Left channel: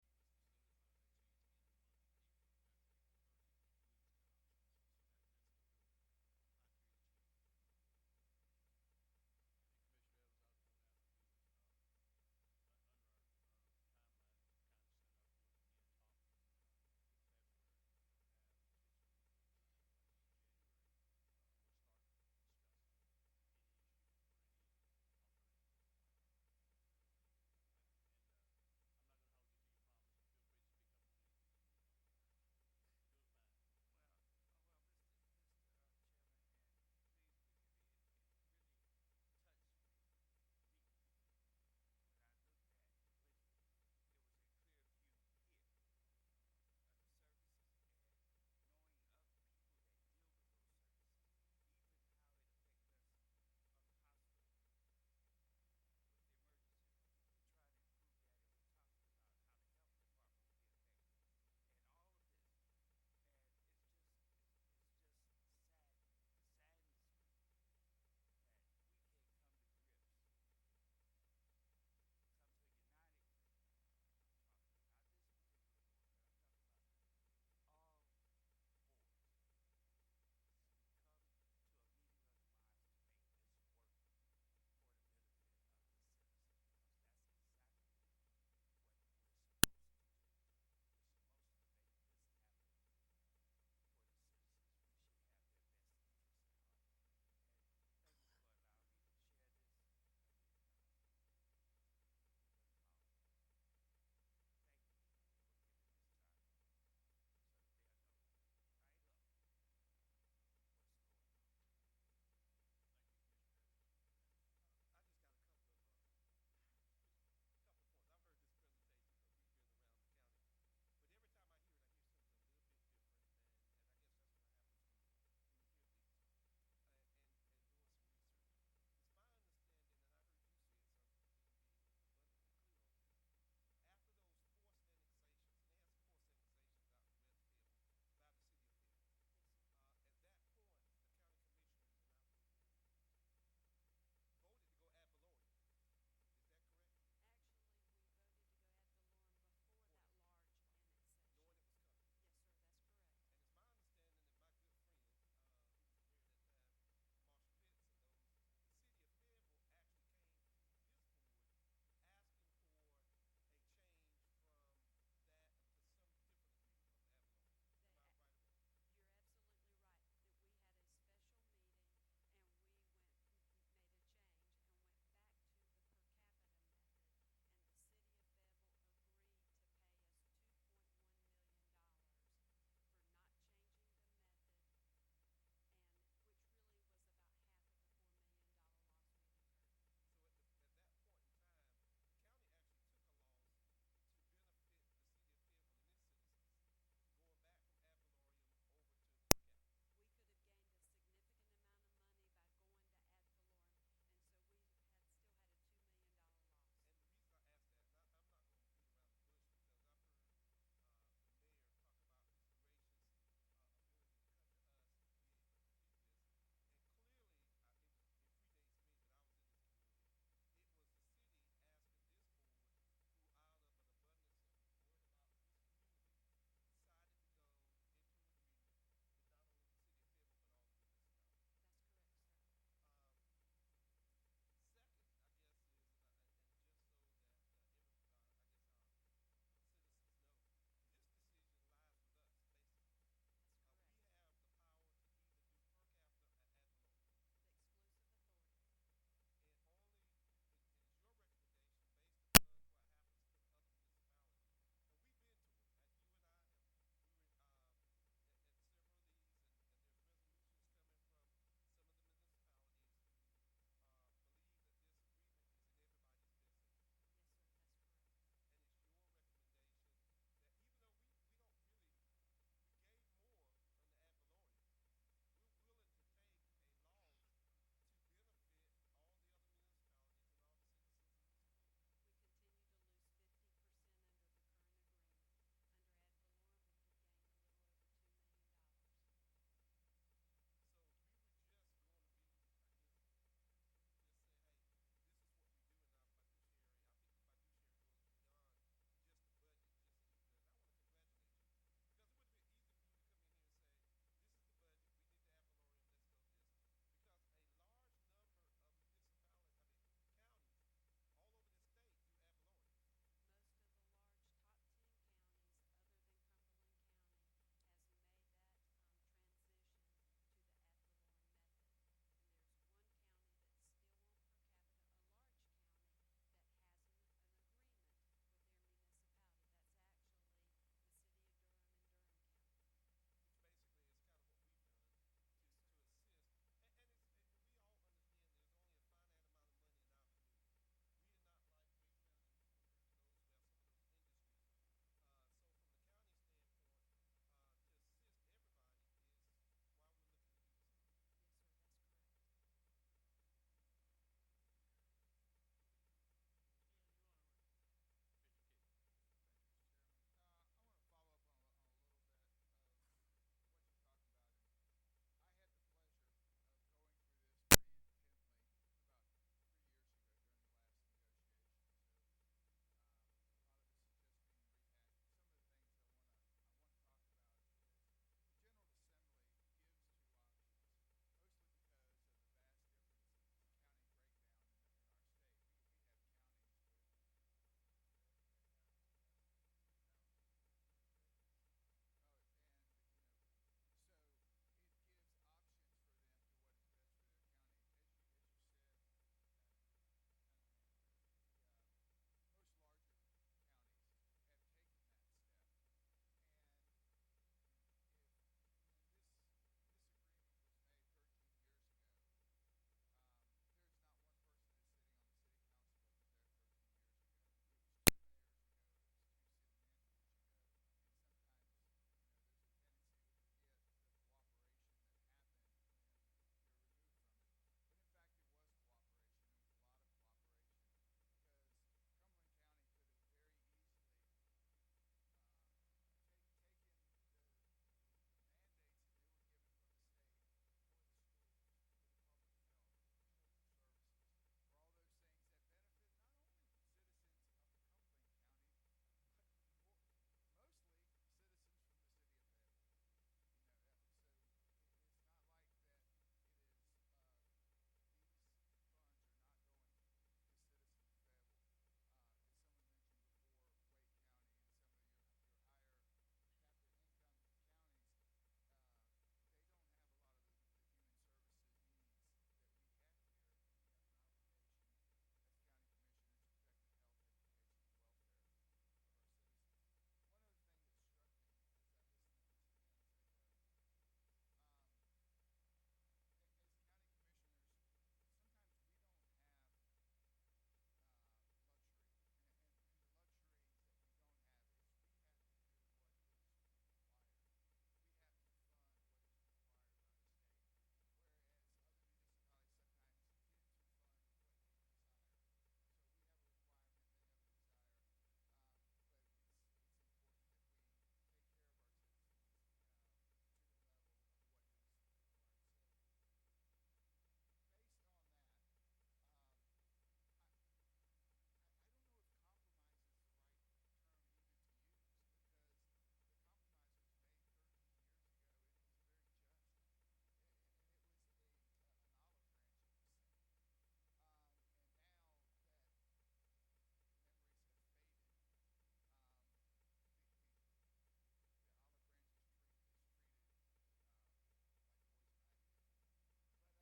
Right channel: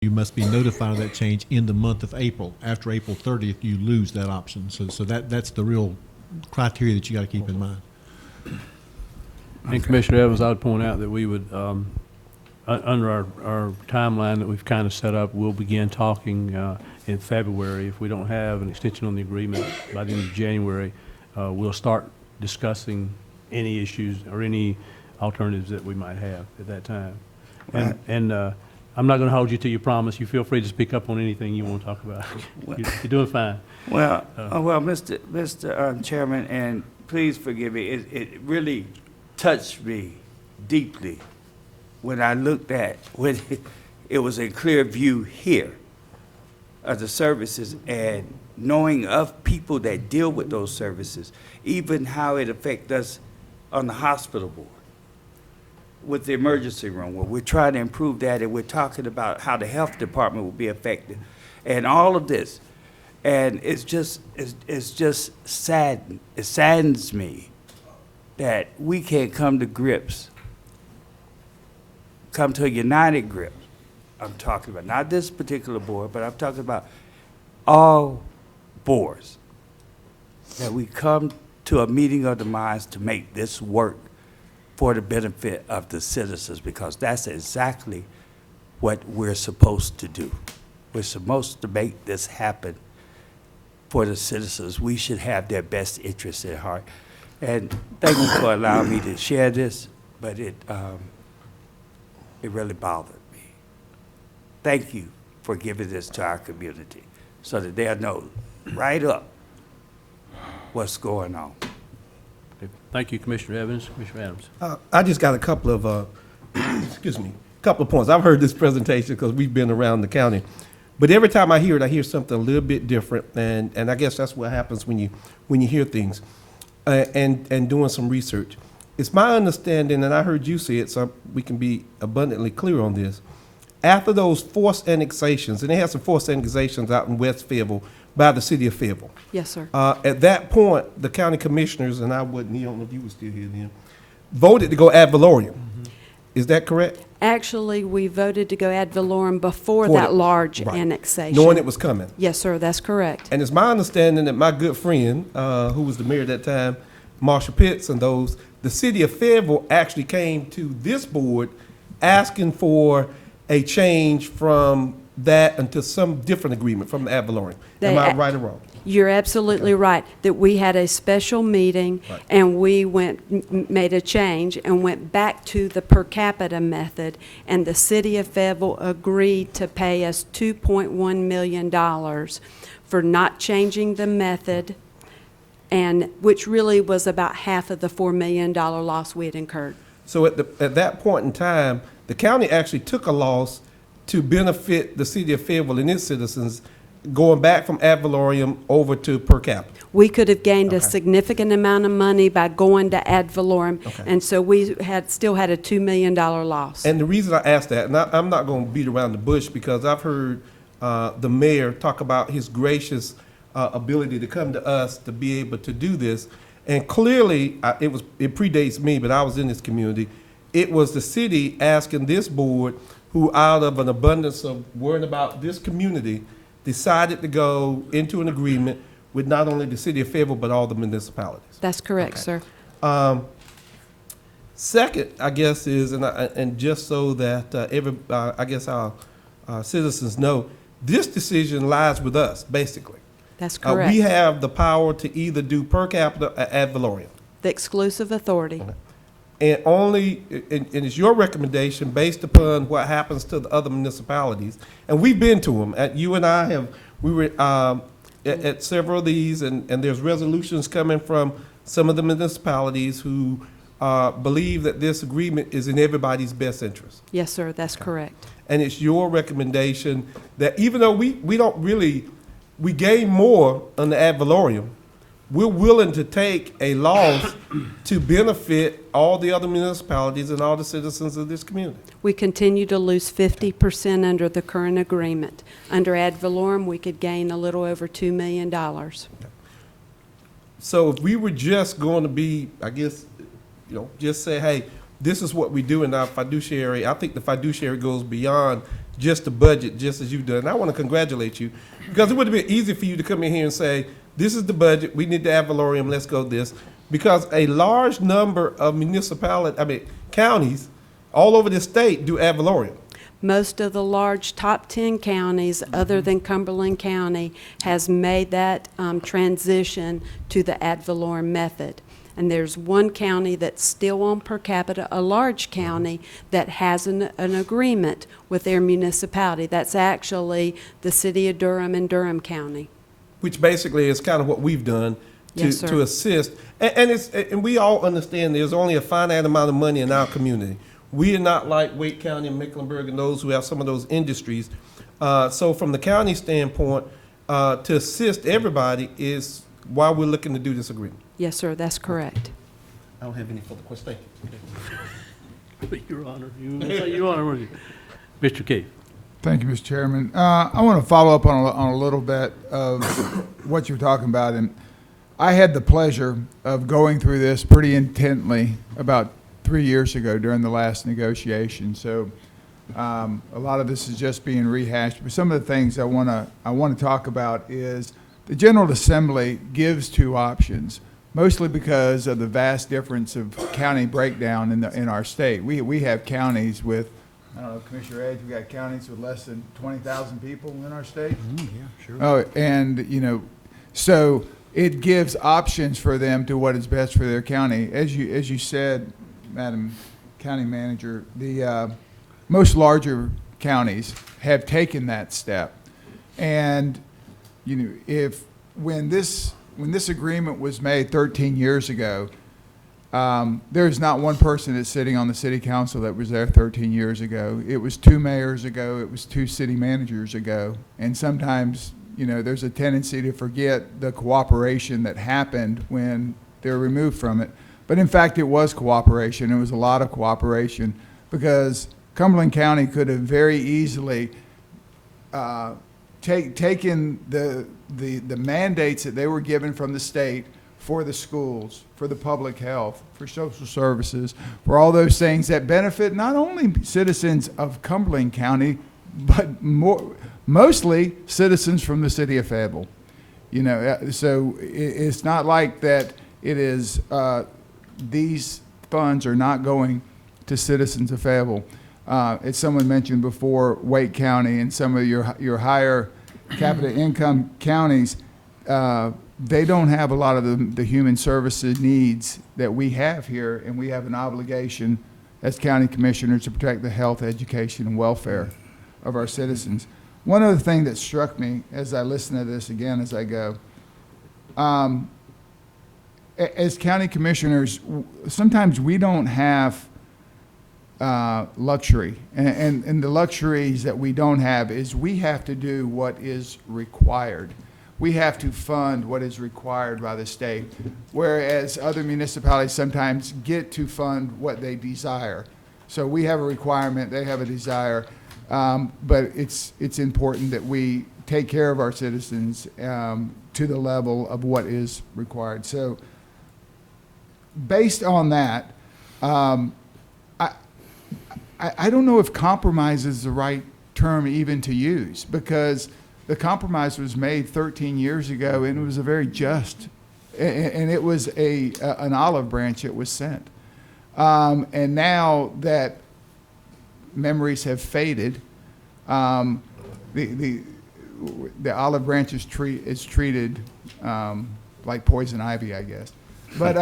you must be notified of that change in the month of April. After April 30th, you lose that option. So that's the real criteria that you got to keep in mind. And Commissioner Evans, I would point out that we would, under our timeline that we've kind of set up, we'll begin talking in February. If we don't have an extension on the agreement by the end of January, we'll start discussing any issues or any alternatives that we might have at that time. And I'm not going to hold you to your promise. You feel free to speak up on anything you want to talk about. You're doing fine. Well, Mr. Chairman, and please forgive me, it really touched me deeply when I looked at, when it was in clear view here of the services and knowing of people that deal with those services, even how it affects us on the hospital board with the emergency room, where we're trying to improve that, and we're talking about how the health department will be affected, and all of this. And it's just sad. It saddens me that we can't come to grips, come to a united grip. I'm talking about not this particular board, but I'm talking about all boards, that we come to a meeting of the minds to make this work for the benefit of the citizens, because that's exactly what we're supposed to do. We're supposed to make this happen for the citizens. We should have their best interests at heart. And thank you for allowing me to share this, but it really bothered me. Thank you for giving this to our community so that they'll know right up what's going on. Thank you, Commissioner Evans. Commissioner Adams. I just got a couple of, couple of points. I've heard this presentation because we've been around the county. But every time I hear it, I hear something a little bit different. And I guess that's what happens when you hear things and doing some research. It's my understanding, and I heard you say it, so we can be abundantly clear on this. After those forced annexations, and they had some forced annexations out in West Fayetteville by the city of Fayetteville. Yes, sir. At that point, the county commissioners, and I wasn't here, I don't know if you were still here then, voted to go ad valorem. Is that correct? Actually, we voted to go ad valorem before For that the- large right. annexation. Knowing it was coming. Yes, sir, that's correct. And it's my understanding that my good friend, who was the mayor at that time, Marshall Pitts and those, the city of Fayetteville actually came to this board asking for a change from that into some different agreement from the ad valorem. Am I right or wrong? You're absolutely right, that we had a special meeting Right. and we made a change and went back to the per capita method, and the city of Fayetteville agreed to pay us $2.1 million for not changing the method, and which really was about half of the $4 million loss we had incurred. So at that point in time, the county actually took a loss to benefit the city of Fayetteville and its citizens, going back from ad valorem over to per capita. We could have gained a Okay. significant amount of money by going to ad valorem, Okay. and so we still had a $2 million loss. And the reason I asked that, and I'm not going to beat around the bush, because I've heard the mayor talk about his gracious ability to come to us to be able to do this. And clearly, it predates me, but I was in this community. It was the city asking this board, who out of an abundance of worrying about this community, decided to go into an agreement with not only the city of Fayetteville, but all the municipalities. That's correct, Okay. sir. Second, I guess, is, and just so that I guess our citizens know, this decision lies with us, basically. That's correct. We have the power to either do per capita or ad valorem. The exclusive authority. And it's your recommendation based upon what happens to the other municipalities. And we've been to them. You and I we were at several of these, and there's resolutions coming from some of the municipalities who believe that this agreement is in everybody's best interest. Yes, sir, that's correct. And it's your recommendation that even though we don't really, we gain more on the ad valorem, we're willing to take a loss to benefit all the other municipalities and all the citizens of this community. We continue to lose 50% under the current agreement. Under ad valorem, we could gain a little over $2 million. So if we were just going to be, I guess, just say, hey, this is what we do in our fiduciary, I think the fiduciary goes beyond just the budget, just as you've done. And I want to congratulate you, because it would have been easy for you to come in here and say, this is the budget, we need the ad valorem, let's go this. Because a large number of counties all over the state do ad valorem. Most of the large top 10 counties, other than Cumberland County, has made that transition to the ad valorem method. And there's one county that's still on per capita, a large county, that has an agreement with their municipality. That's actually the city of Durham and Durham County. Which basically is kind of what we've done to, Yes, sir. to assist. And we all understand there's only a finite amount of money in our community. We are not like Wake County and Mecklenburg and those who have some of those industries. So from the county standpoint, to assist everybody is why we're looking to do this agreement. Yes, sir, that's correct. I don't have any further questions. Thank you. Your Honor, Your Honor, Mr. Keefe. Thank you, Mr. Chairman. I want to follow up on a little bit of what you're talking about. And I had the pleasure of going through this pretty intently about 3 years ago during the last negotiation. So a lot of this is just being rehashed. But some of the things I want to talk about is the General Assembly gives two options, mostly because of the vast difference of county breakdown in our state. We have counties with, I don't know, Commissioner Edge, we got counties with less than 20,000 people in our state. Yeah, sure. Oh, and, so it gives options for them to what is best for their county. As you said, Madam County Manager, the most larger counties have taken that step. And, when this agreement was made 13 years ago, there's not one person that's sitting on the city council that was there 13 years ago. It was 2 mayors ago. It was 2 city managers ago. And sometimes, there's a tendency to forget the cooperation that happened when they're removed from it. But in fact, it was cooperation. It was a lot of cooperation, because Cumberland County could have very easily taken the mandates that they were given from the state for the schools, for the public health, for social services, for all those things that benefit not only citizens of Cumberland County, but mostly citizens from the city of Fayetteville. So it's not like that it is, these funds are not going to citizens of Fayetteville. As someone mentioned before, Wake County and some of your higher capita income counties, they don't have a lot of the human services needs that we have here, and we have an obligation as county commissioners to protect the health, education, and welfare of our citizens. One other thing that struck me as I listen to this again as I go, as county commissioners, sometimes we don't have luxury. And the luxuries that we don't have is we have to do what is required. We have to fund what is required by the state, whereas other municipalities sometimes get to fund what they desire. So we have a requirement, they have a desire, but it's important that we take care of our citizens to the level of what is required. So based on that, I don't know if compromise is the right term even to use, because the compromise was made 13 years ago, and it was a very just, and it was an olive branch that was sent. And now that memories have faded, the olive branch is treated like poison ivy, I guess. But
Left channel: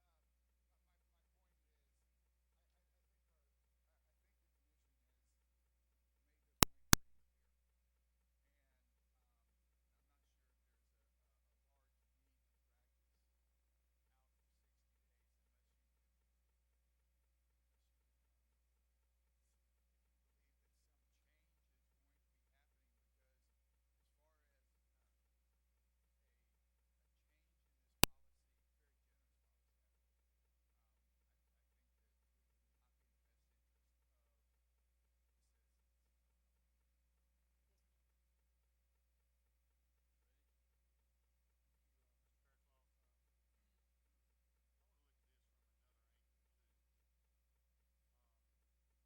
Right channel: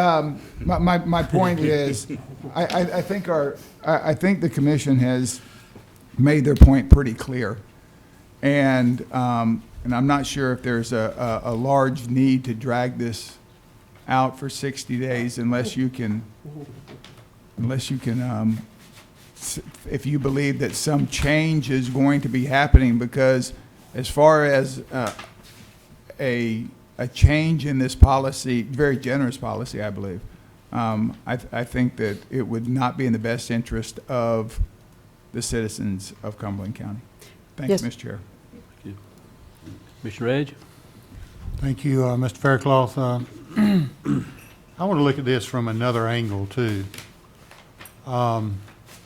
my point is, I think the commission has made their point pretty clear, and I'm not sure if there's a large need to drag this out for 60 days unless you can, if you believe that some change is going to be happening, because as far as a change in this policy, very generous policy, I believe, I think that it would not be in the best interest of the citizens of Cumberland County. Thank Yes. you, Mr. Chair. Thank you. Commissioner Edge? Thank you, Mr. Faircloth. I want to look at this from another angle, too.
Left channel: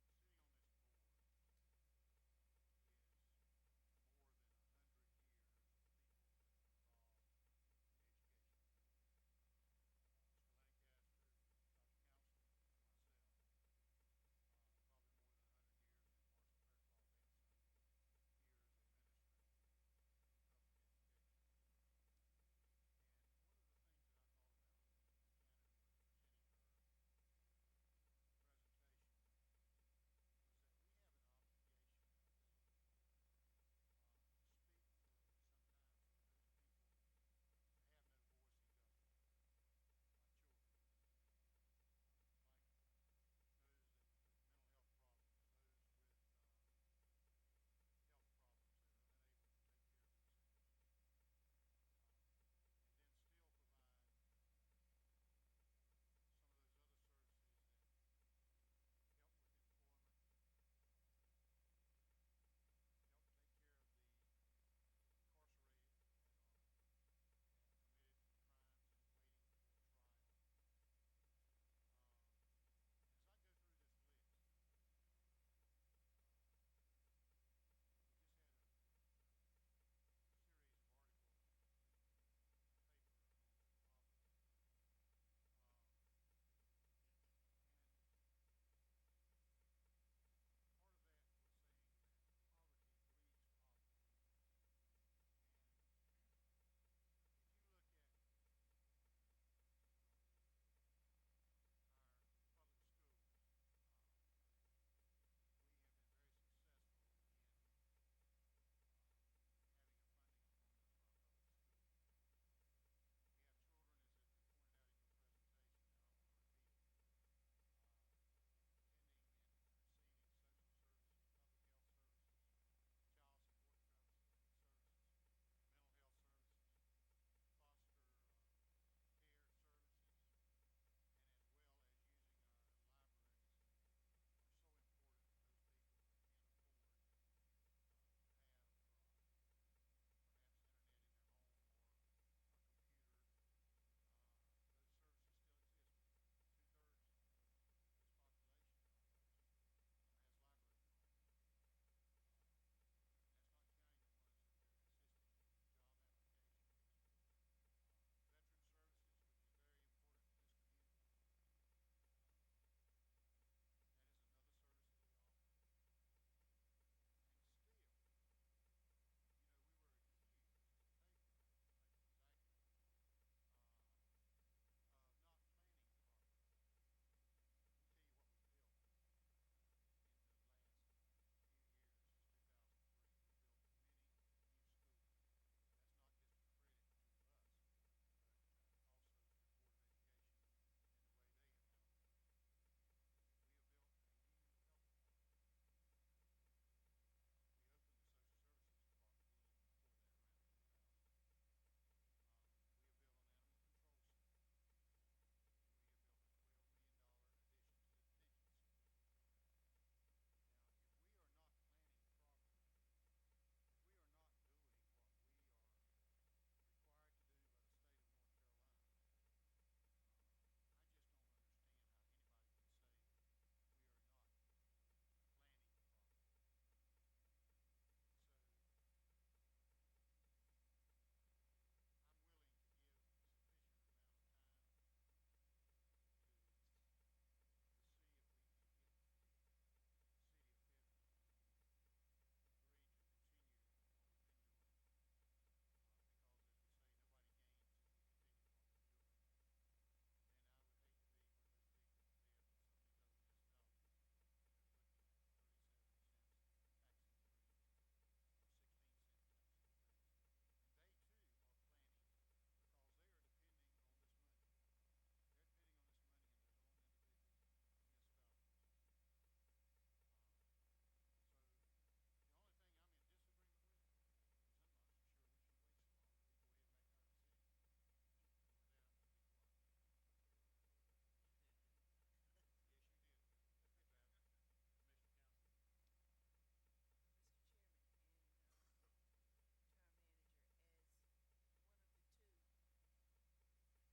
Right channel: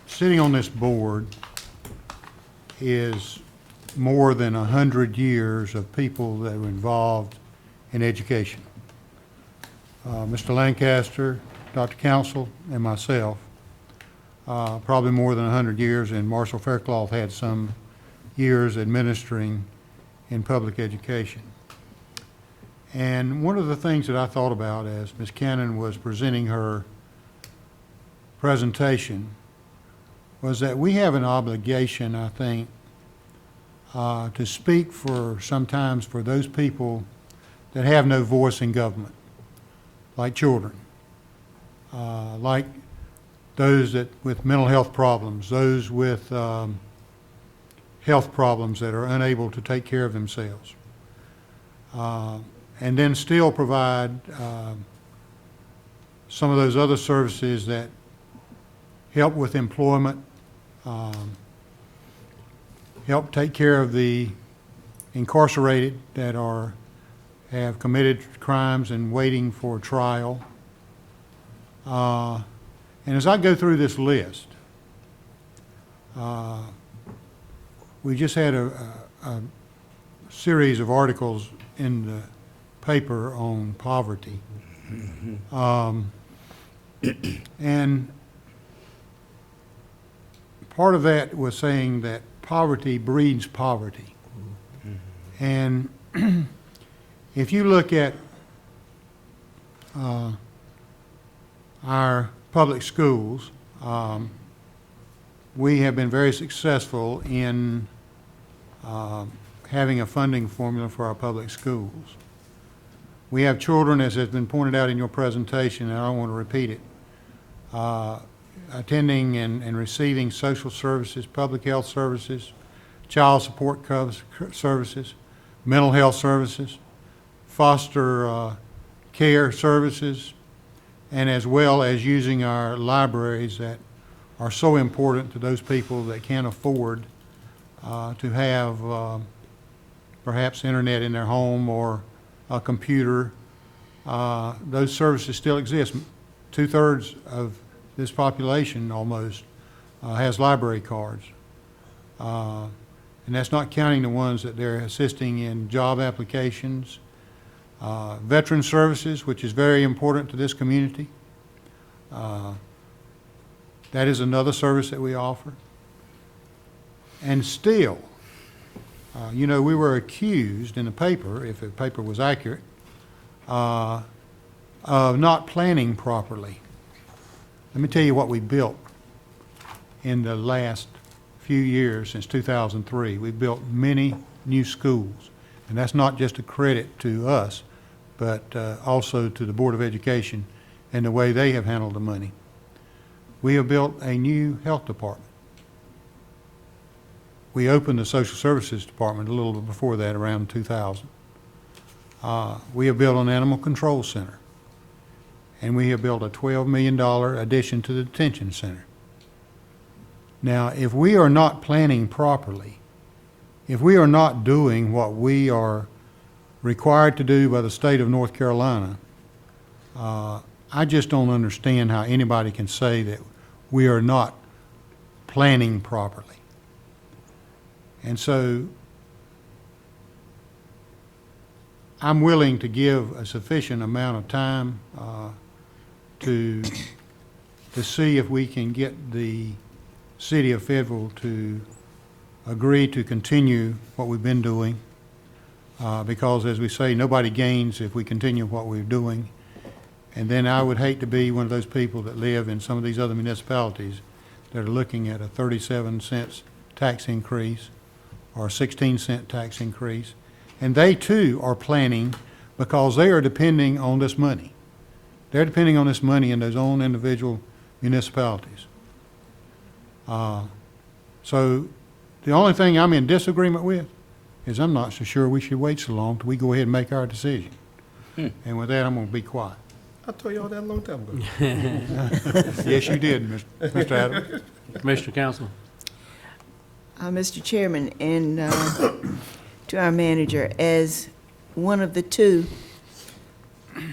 Sitting on this board is more than 100 years of people that were involved in education. Mr. Lancaster, Dr. Council, and myself, probably more than 100 years, and Marshall Faircloth had some years administering in public education. And one of the things that I thought about as Ms. Cannon was presenting her presentation was that we have an obligation, I think, to speak for sometimes for those people that have no voice in government, like children, like those that with mental health problems, those with health problems that are unable to take care of themselves, and then still provide some of those other services that help with employment, help take care of the incarcerated that have committed crimes and waiting for trial. And as I go through this list, we just had a series of articles in the paper on poverty. And part of that was saying that poverty breeds poverty. And if you look at our public schools, we have been very successful in having a funding formula for our public schools. We have children, as has been pointed out in your presentation, and I don't want to repeat it, attending and receiving social services, public health services, child support services, mental health services, foster care services, and as well as using our libraries that are so important to those people that can't afford to have perhaps internet in their home or a computer. Those services still exist. 2/3 of this population almost has library cards. And that's not counting the ones that they're assisting in job applications, veteran services, which is very important to this community. That is another service that we offer. And still, you know, we were accused in the paper, if the paper was accurate, of not planning properly. Let me tell you what we built in the last few years since 2003. We built many new schools, and that's not just a credit to us, but also to the Board of Education and the way they have handled the money. We have built a new health department. We opened the social services department a little bit before that, around 2000. We have built an animal control center, and we have built a $12 million addition to the detention center. Now, if we are not planning properly, if we are not doing what we are required to do by the state of North Carolina, I just don't understand how anybody can say that we are not planning properly. And so I'm willing to give a sufficient amount of time to see if we can get the city of Fayetteville to agree to continue what we've been doing, because, as we say, nobody gains if we continue what we're doing. And then I would hate to be one of those people that live in some of these other municipalities that are looking at a 37-cent tax increase or a 16-cent tax increase. And they too are planning, because they are depending on this money. They're depending on this money in those own individual municipalities. So the only thing I'm in disagreement with is I'm not so sure we should wait so long till we go ahead and make our decision. And with that, I'm going to be quiet. I told you all that a long time ago. Yes, you did, Mr. Adams. Commissioner Council. Mr. Chairman, and to our manager, as one of the two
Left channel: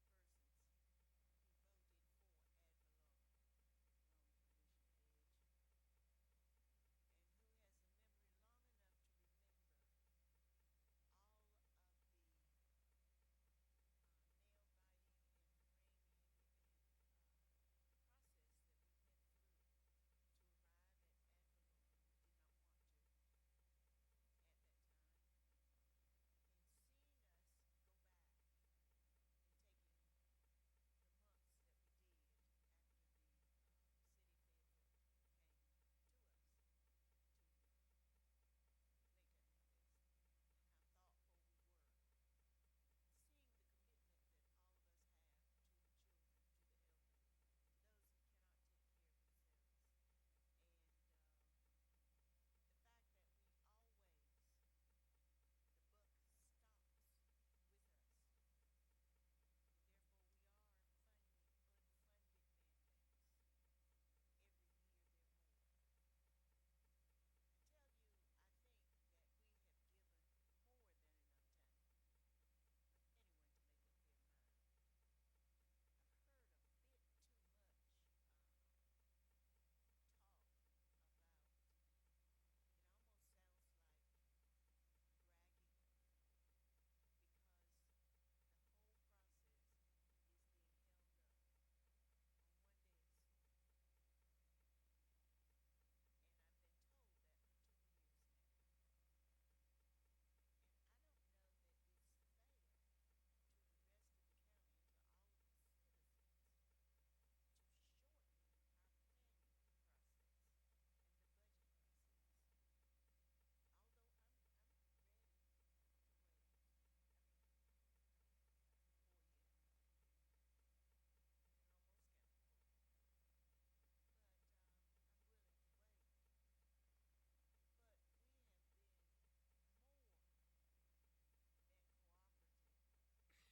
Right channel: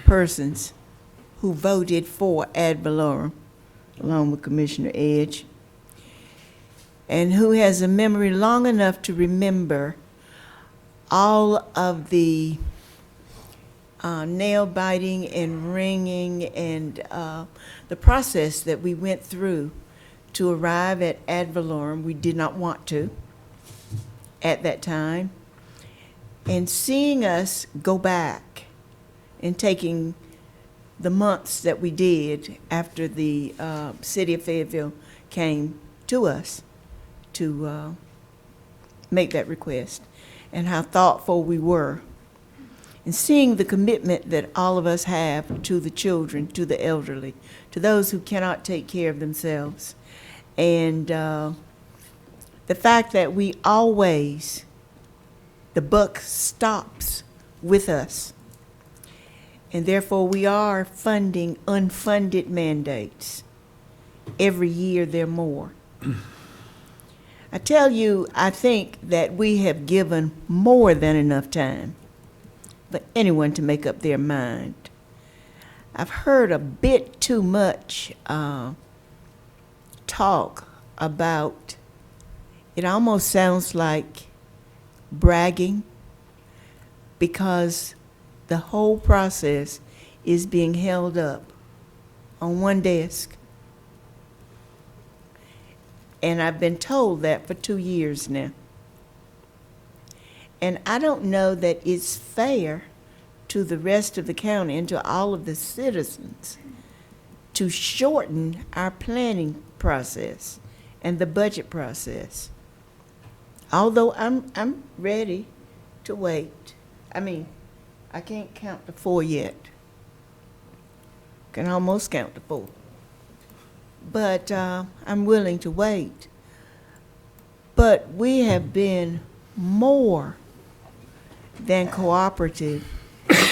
persons who voted for ad valorem, along with Commissioner Edge, and who has a memory long enough to remember all of the nail biting and ringing and the process that we went through to arrive at ad valorem. We did not want to at that time. And seeing us go back and taking the months that we did after the city of Fayetteville came to us to make that request, and how thoughtful we were, and seeing the commitment that all of us have to the children, to the elderly, to those who cannot take care of themselves, and the fact that we always, the buck stops with us, and therefore we are funding unfunded mandates. Every year there are more. I tell you, I think that we have given more than enough time for anyone to make up their mind. I've heard a bit too much talk about, it almost sounds like bragging, because the whole process is being held up on one desk. And I've been told that for 2 years now. And I don't know that it's fair to the rest of the county and to all of the citizens to shorten our planning process and the budget process. Although I'm ready to wait. I mean, I can't count to 4 yet. Can almost count to 4. But I'm willing to wait. But we have been more than cooperative,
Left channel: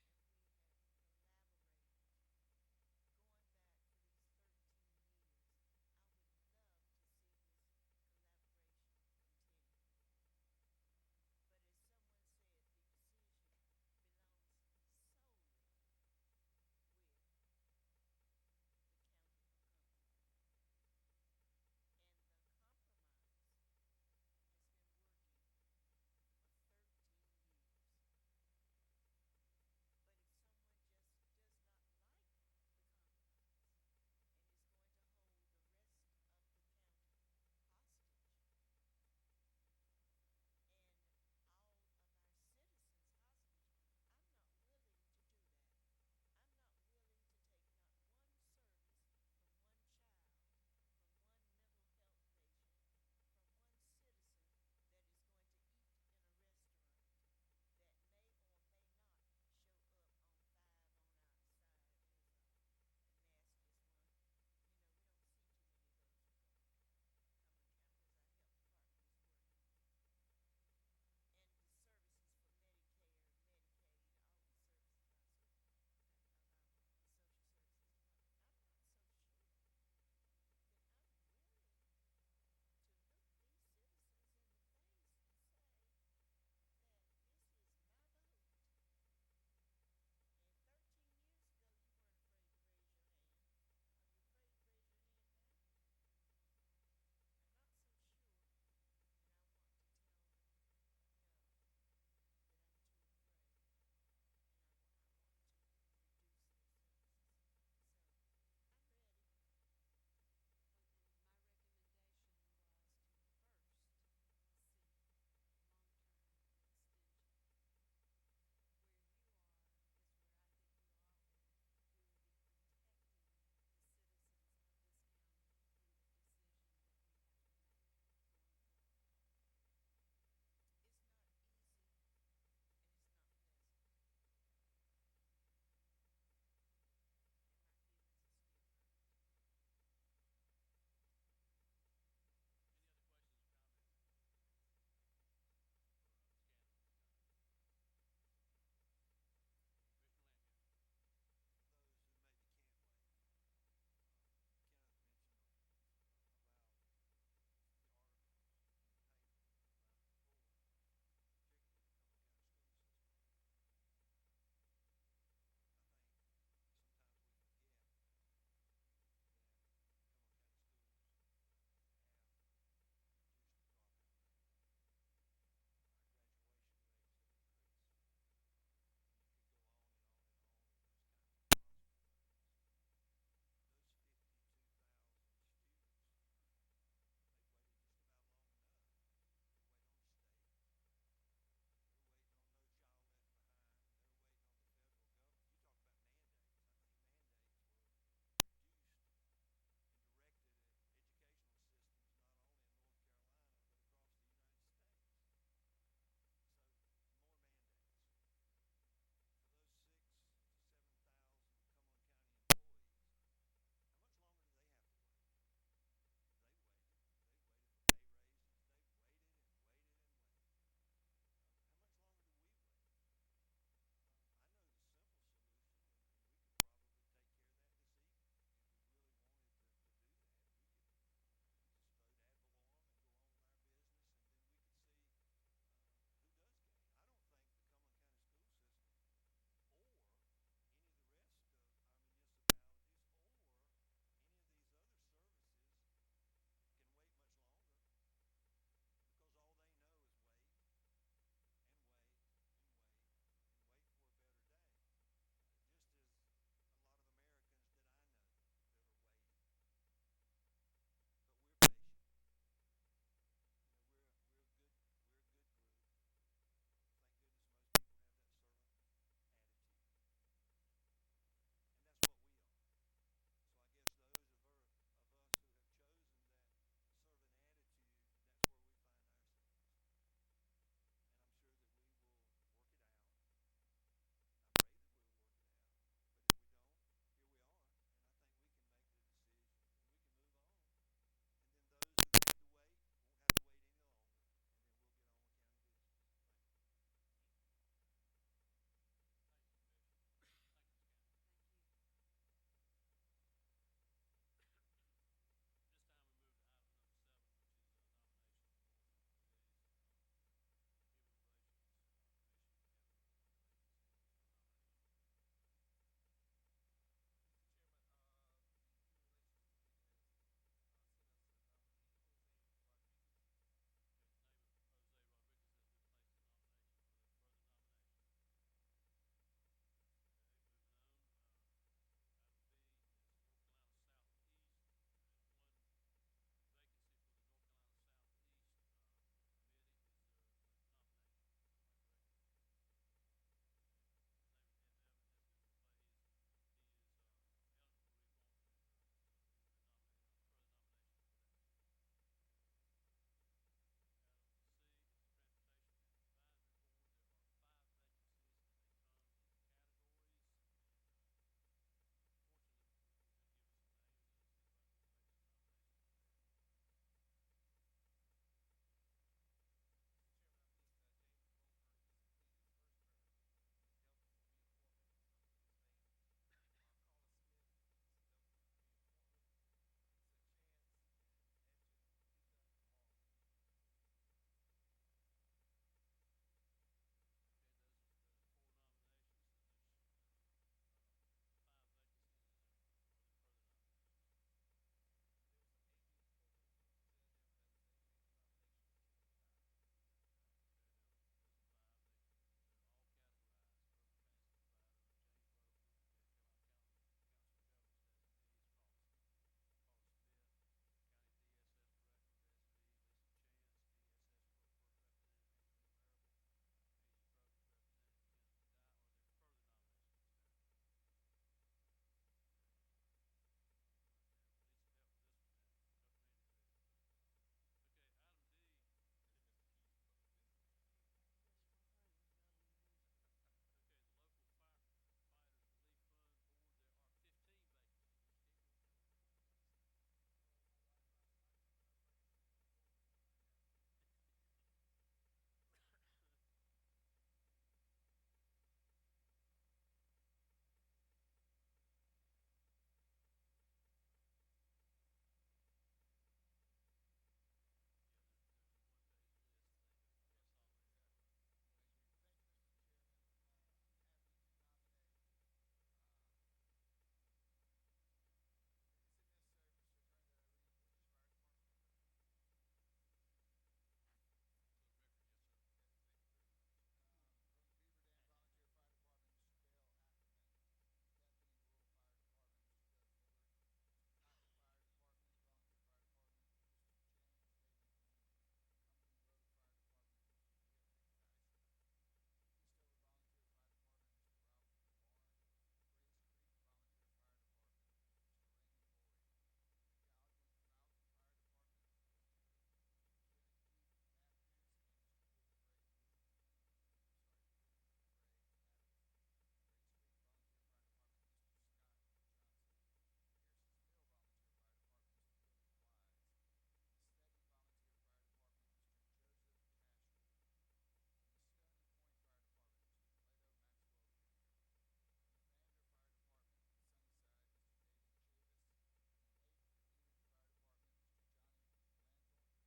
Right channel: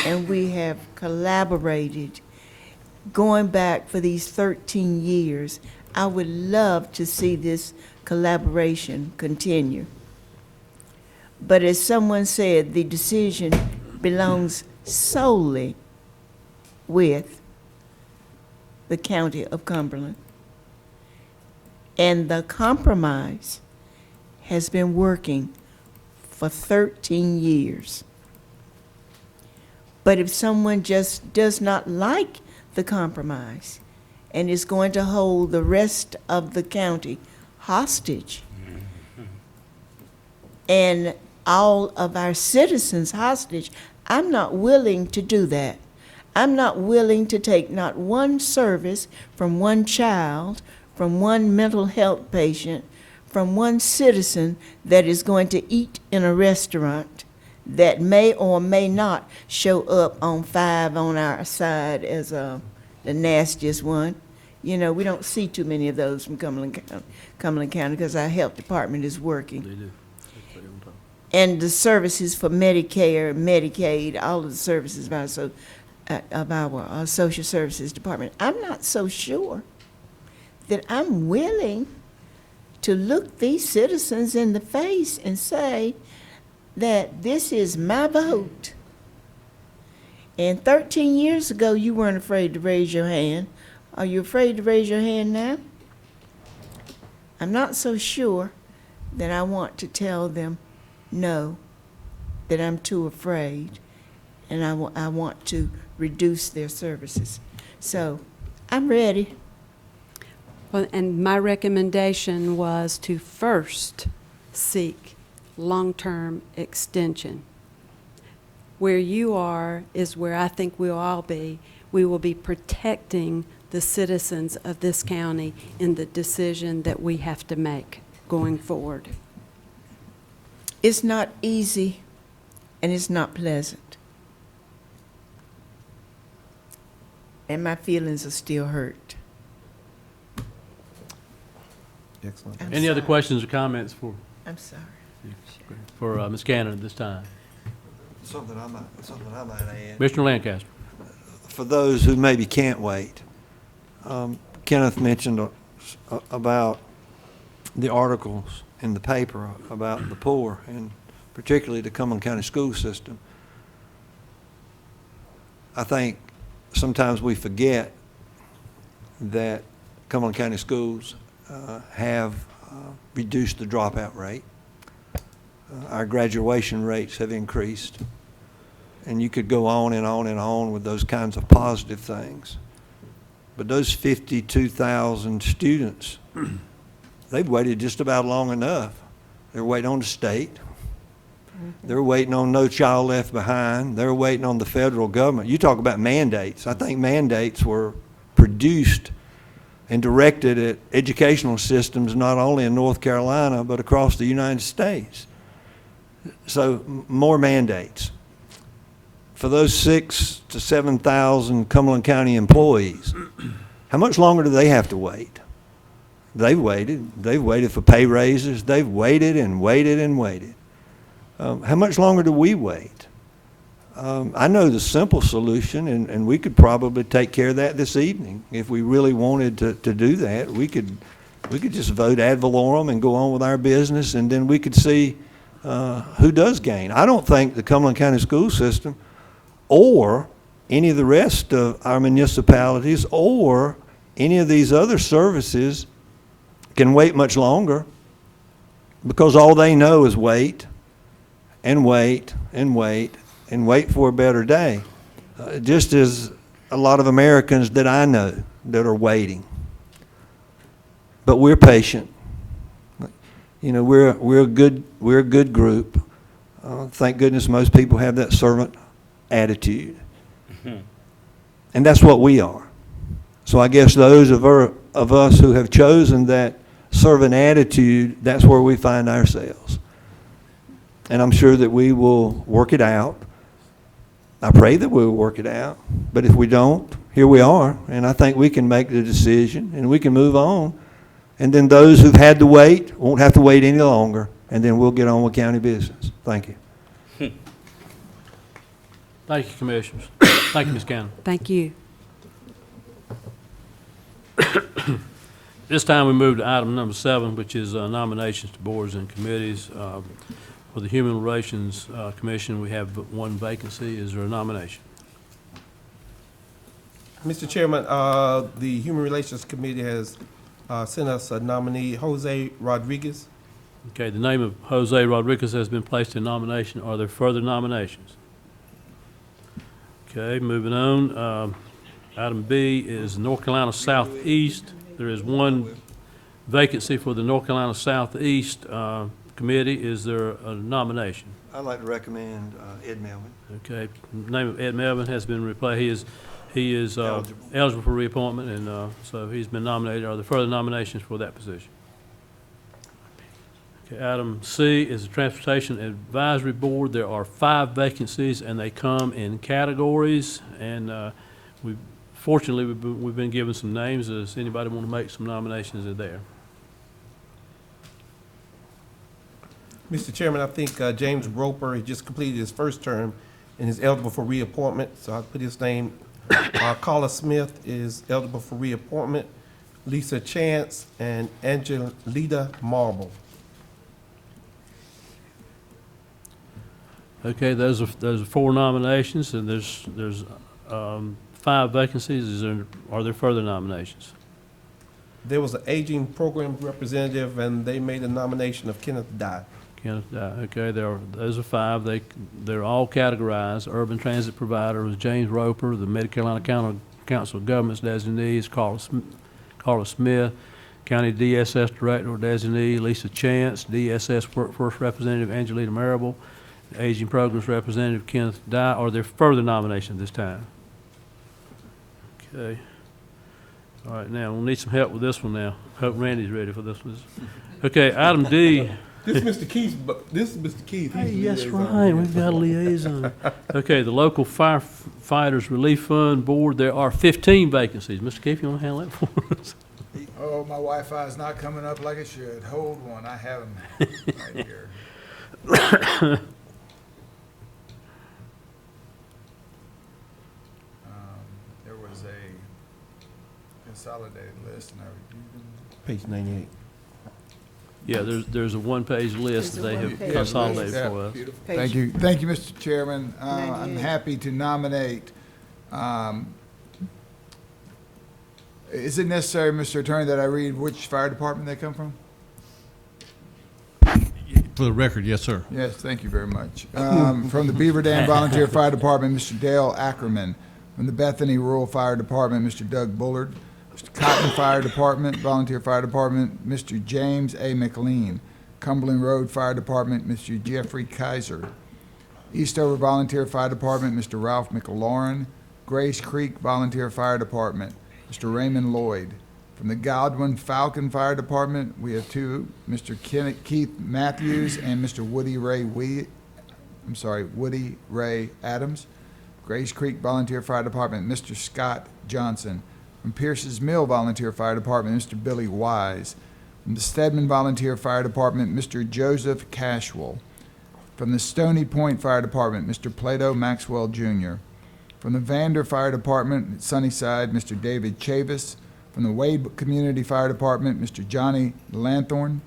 and we have collaborated going back for these 13 years. I would love to see this collaboration continue. But as someone said, the decision belongs solely with the county of Cumberland. And the compromise has been working for 13 years. But if someone just does not like the compromise and is going to hold the rest of the county hostage and all of our citizens hostage, I'm not willing to do that. I'm not willing to take not one service from one child, from one mental health patient, from one citizen that is going to eat in a restaurant that may or may not show up on 5 on our side as the nastiest one. You know, we don't see too many of those from Cumberland County because our health department is working. They do. And the services for Medicare, Medicaid, all of the services of our social services department. I'm not so sure that I'm willing to look these citizens in the face and say that this is my vote. And 13 years ago, you weren't afraid to raise your hand. Are you afraid to raise your hand now? I'm not so sure that I want to tell them no, that I'm too afraid, and I want to reduce their services. So I'm ready. Well, and my recommendation was to first seek long-term extension. Where you are is where I think we'll all be. We will be protecting the citizens of this county in the decision that we have to make going forward. It's not easy, and it's not pleasant. And my feelings are still hurt. Excellent. I'm Any other sorry. questions or comments I'm sorry. for Ms. Cannon at this time? Something I might add. Commissioner Lancaster. For those who maybe can't wait, Kenneth mentioned about the articles in the paper about the poor, and particularly the Cumberland County school system. I think sometimes we forget that Cumberland County schools have reduced the dropout rate. Our graduation rates have increased. And you could go on and on and on with those kinds of positive things. But those 52,000 students, they've waited just about long enough. They're waiting on the state. They're waiting on No Child Left Behind. They're waiting on the federal government. You talk about mandates. I think mandates were produced and directed at educational systems not only in North Carolina but across the United States. So more mandates. For those 6,000 to 7,000 Cumberland County employees, how much longer do they have to wait? They've waited. They've waited for pay raises. They've waited and waited and waited. How much longer do we wait? I know the simple solution, and we could probably take care of that this evening. If we really wanted to do that, we could just vote ad valorem and go on with our business, and then we could see who does gain. I don't think the Cumberland County school system or any of the rest of our municipalities or any of these other services can wait much longer, because all they know is wait and wait and wait and wait for a better day. Just as a lot of Americans that I know that are waiting. But we're patient. You know, we're a good group. Thank goodness most people have that servant attitude. And that's what we are. So I guess those of us who have chosen that servant attitude, that's where we find ourselves. And I'm sure that we will work it out. I pray that we'll work it out. But if we don't, here we are. And I think we can make the decision and we can move on. And then those who've had to wait won't have to wait any longer. And then we'll get on with county business. Thank you. Thank you, Commissioners. Thank you, Ms. Cannon. Thank you. This time we move to item number 7, which is nominations to boards and committees. For the Human Relations Commission, we have one vacancy. Is there a nomination? Mr. Chairman, the Human Relations Committee has sent us a nominee, Jose Rodriguez. Okay, the name of Jose Rodriguez has been placed in nomination. Are there further nominations? Okay, moving on. Item B is North Carolina Southeast. There is one vacancy for the North Carolina Southeast Committee. Is there a nomination? I'd like to recommend Ed Melvin. Okay, the name of Ed Melvin has been replaced. He is eligible for reappointment, and so he's been nominated. Are there further nominations for that position? Okay, item C is the Transportation Advisory Board. There are 5 vacancies, and they come in categories. And fortunately, we've been given some names. Does anybody want to make some nominations? Are there? Mr. Chairman, I think James Roper, he just completed his first term and is eligible for reappointment, so I'll put his name. Carla Smith is eligible for reappointment. Lisa Chance and Angelita Marble. Okay, those are 4 nominations, and there's 5 vacancies. Are there further nominations? There was an aging program representative, and they made a nomination of Kenneth Dye. Kenneth Dye. Okay, those are 5. They're all categorized. Urban Transit Provider was James Roper. The Mid-Carolina Council of Governments designee is Carla Smith. County DSS Director or designee Lisa Chance. DSS Workforce Representative Angelita Marable. Aging Programs Representative Kenneth Dye. Are there further nominations this time? Okay. All right, now we'll need some help with this one now. Hope Randy's ready for this one. Okay, item D. This is Mr. Keith, but this is Mr. Keith. Hey, yes, right, we've got a liaison. Okay, the Local Firefighters Relief Fund Board, there are 15 vacancies. Mr. Keith, you want to handle that for us? Oh, my Wi-Fi is not coming up like it should. Hold one, I have them right here. There was a consolidated list and I reviewed them. Page 98. Yeah, there's a one-page list that they have one-page consolidated Yeah, for us. beautiful. Page- Thank you, Mr. Chairman. I'm 98. happy to nominate, is it necessary, Mr. Attorney, that I read which fire department they come from? For the record, yes, sir. Yes, thank you very much. From the Beaver Dam Volunteer Fire Department, Mr. Dale Ackerman. From the Bethany Rural Fire Department, Mr. Doug Bullard. Mr. Cotton Fire Department, Volunteer Fire Department, Mr. James A. McLean. Cumberland Road Fire Department, Mr. Jeffrey Kaiser. Eastover Volunteer Fire Department, Mr. Ralph McLaurin. Grace Creek Volunteer Fire Department, Mr. Raymond Lloyd. From the Godwin Falcon Fire Department, we have two, Mr. Keith Matthews and Mr. Woody Ray Adams. Grace Creek Volunteer Fire Department, Mr. Scott Johnson. From Pierce's Mill Volunteer Fire Department, Mr. Billy Wise. From the Stedman Volunteer Fire Department, Mr. Joseph Cashwell. From the Stony Point Fire Department, Mr. Plato Maxwell Jr. From the Vander Fire Department, Sunnyside, Mr. David Chavis. From the Wade Community Fire Department, Mr. Johnny Lanthorn.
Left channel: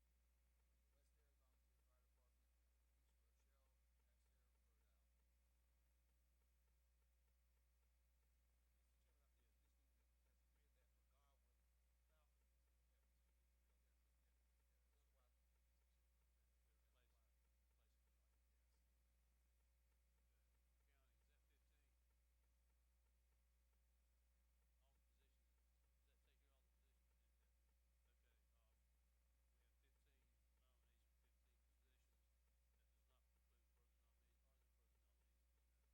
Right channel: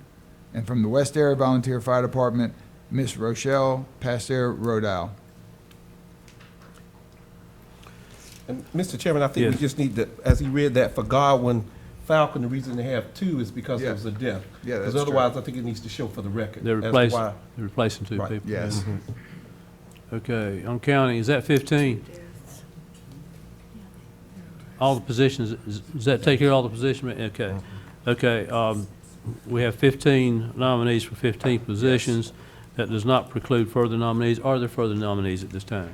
And from the West Area Volunteer Fire Department, Miss Rochelle Pasteur Rodal. And Mr. Chairman, I think we Yes. just need to, as he read that, for Godwin Falcon, the reason they have two is because Yeah. it was a death. Yeah, that's Because true. otherwise, I think it needs to show for the record. They're as to replacing, why. they're replacing two Right. people. Yes. Okay, on county, is that 15? All the positions, does that take care of all the positions? Okay. Okay, we have 15 nominees for 15 positions. That does not preclude further nominees. Are there further nominees at this time?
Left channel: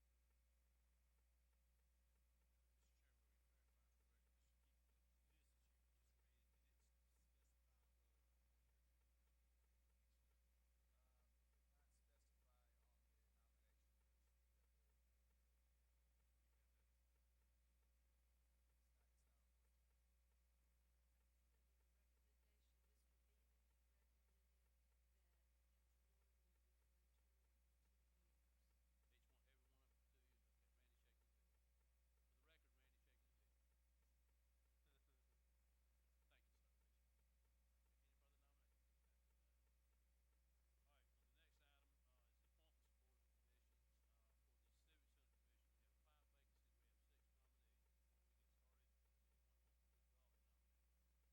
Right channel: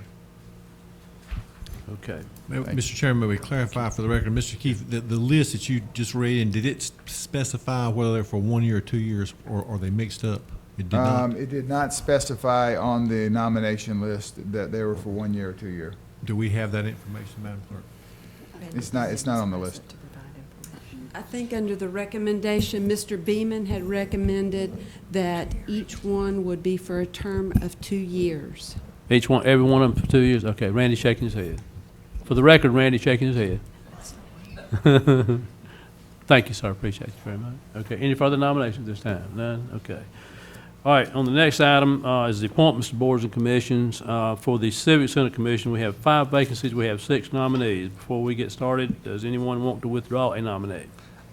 Okay. Mr. Chairman, may we clarify for the record, Mr. Keefe, the list that you just read in, did it specify whether they're for 1 year or 2 years, or are they mixed up? It did not? It did not specify on the nomination list that they were for 1 year or 2 year. Do we have that information, Madam Clerk? It's not on the list. I think under the recommendation, Mr. Beeman had recommended that each one would be for a term of 2 years. Each one, every one of them for 2 years? Okay, Randy shaking his head. For the record, Randy shaking his head. Thank you, sir, appreciate you very much. Okay, any further nominations this time? None? Okay. All right, on the next item is the appointments to boards and commissions. For the Civic Center Commission, we have 5 vacancies, we have 6 nominees. Before we get started, does anyone want to withdraw a nominee?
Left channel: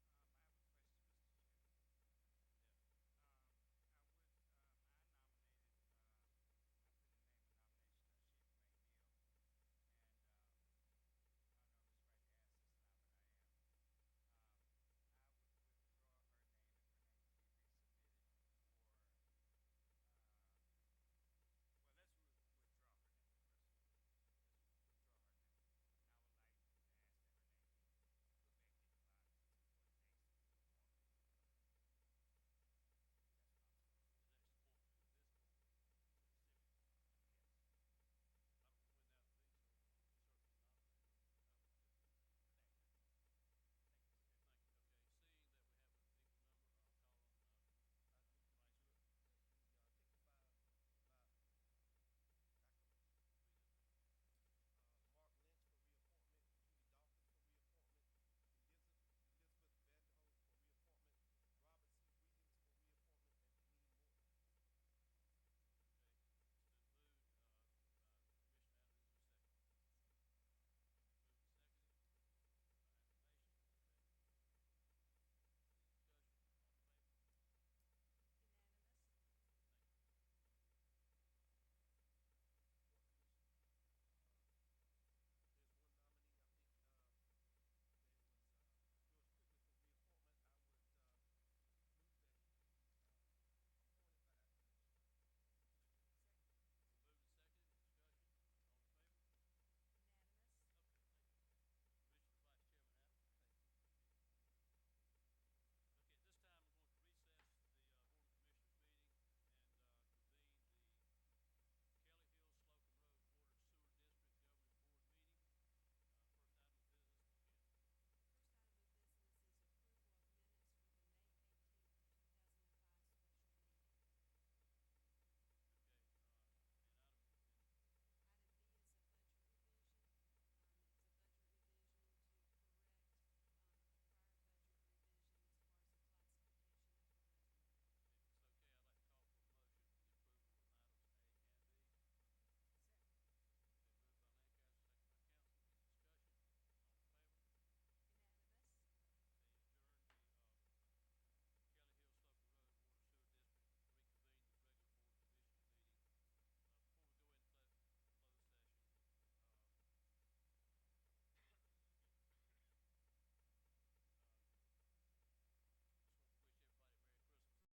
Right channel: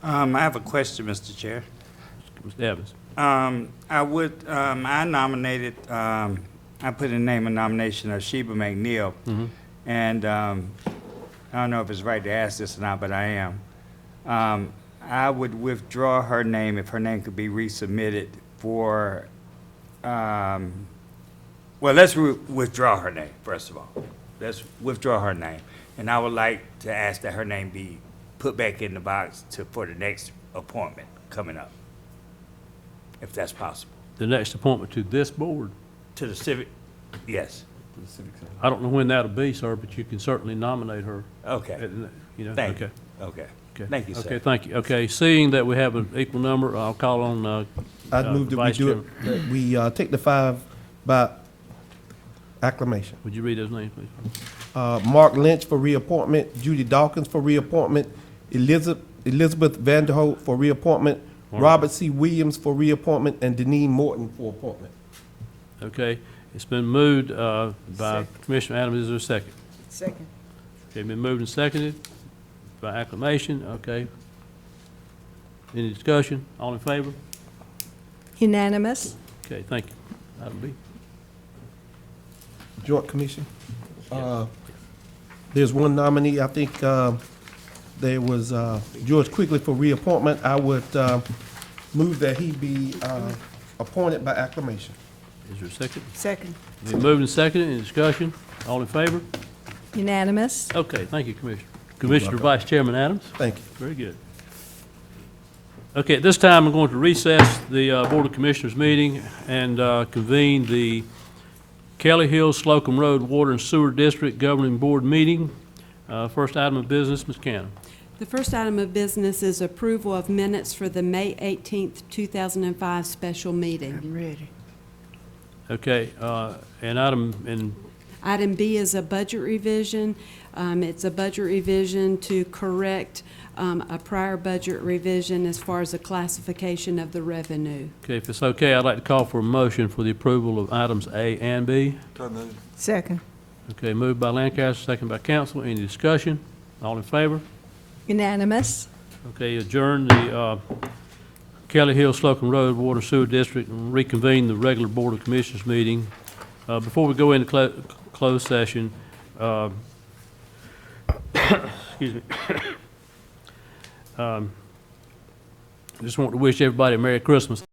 I have a question, Mr. Chair. Mr. Evans? I nominated, I put in the name of nomination of Sheba McNeil. And I don't know if it's right to ask this or not, but I am. I would withdraw her name if her name could be resubmitted for, well, let's withdraw her name, first of all. Let's withdraw her name. And I would like to ask that her name be put back in the box for the next appointment coming up, if that's possible. The next appointment to this board? To the civic, yes. I don't know when that'll be, sir, but you can certainly nominate her. Okay, You know, thank okay. you. Okay. Okay. Thank you, sir. Okay, thank you. Okay, seeing that we have an equal number, I'll call on, I'd move that we Vice do it, that we take the 5 by acclamation. would you read those names, please? Mark Lynch for reappointment, Judy Dawkins for reappointment, Elizabeth Vanderholt for reappointment, All right. Robert C. Williams for reappointment, and Deneen Morton for appointment. Okay, it's been moved by Second. Commissioner Adams. Is there a second? Second. Okay, been moved and seconded by acclamation. Okay. Any discussion? All in favor? Unanimous. Okay, thank you. Item B. Joint Commission. There's one nominee, I think, there was George Quigley for reappointment. I would move that he be appointed by acclamation. Is there a second? Second. Been moved and seconded. Any discussion? All in favor? Unanimous. Okay, thank you, Commissioner. Commissioner Vice Chairman Adams? Thank you. Very good. Okay, at this time, I'm going to recess the Board of Commissioners meeting and convene the Kelly Hills Slocum Road Water and Sewer District Governing Board meeting. First item of business, Ms. Cannon. The first item of business is approval of minutes for the May 18th, 2005 special meeting. I'm ready. Okay, and Item B is a budget revision. It's a budget revision to correct a prior budget revision as far as the classification of the revenue. okay, if it's okay, I'd like to call for a motion for the approval of items A and B. So moved. Second. Okay, moved by Lancaster, second by council. Any discussion? All in favor? Unanimous. Okay, adjourn the Kelly Hill Slocum Road Water Sewer District and reconvene the regular Board of Commissioners meeting. Before we go into closed session, excuse me. I just want to wish everybody a Merry Christmas.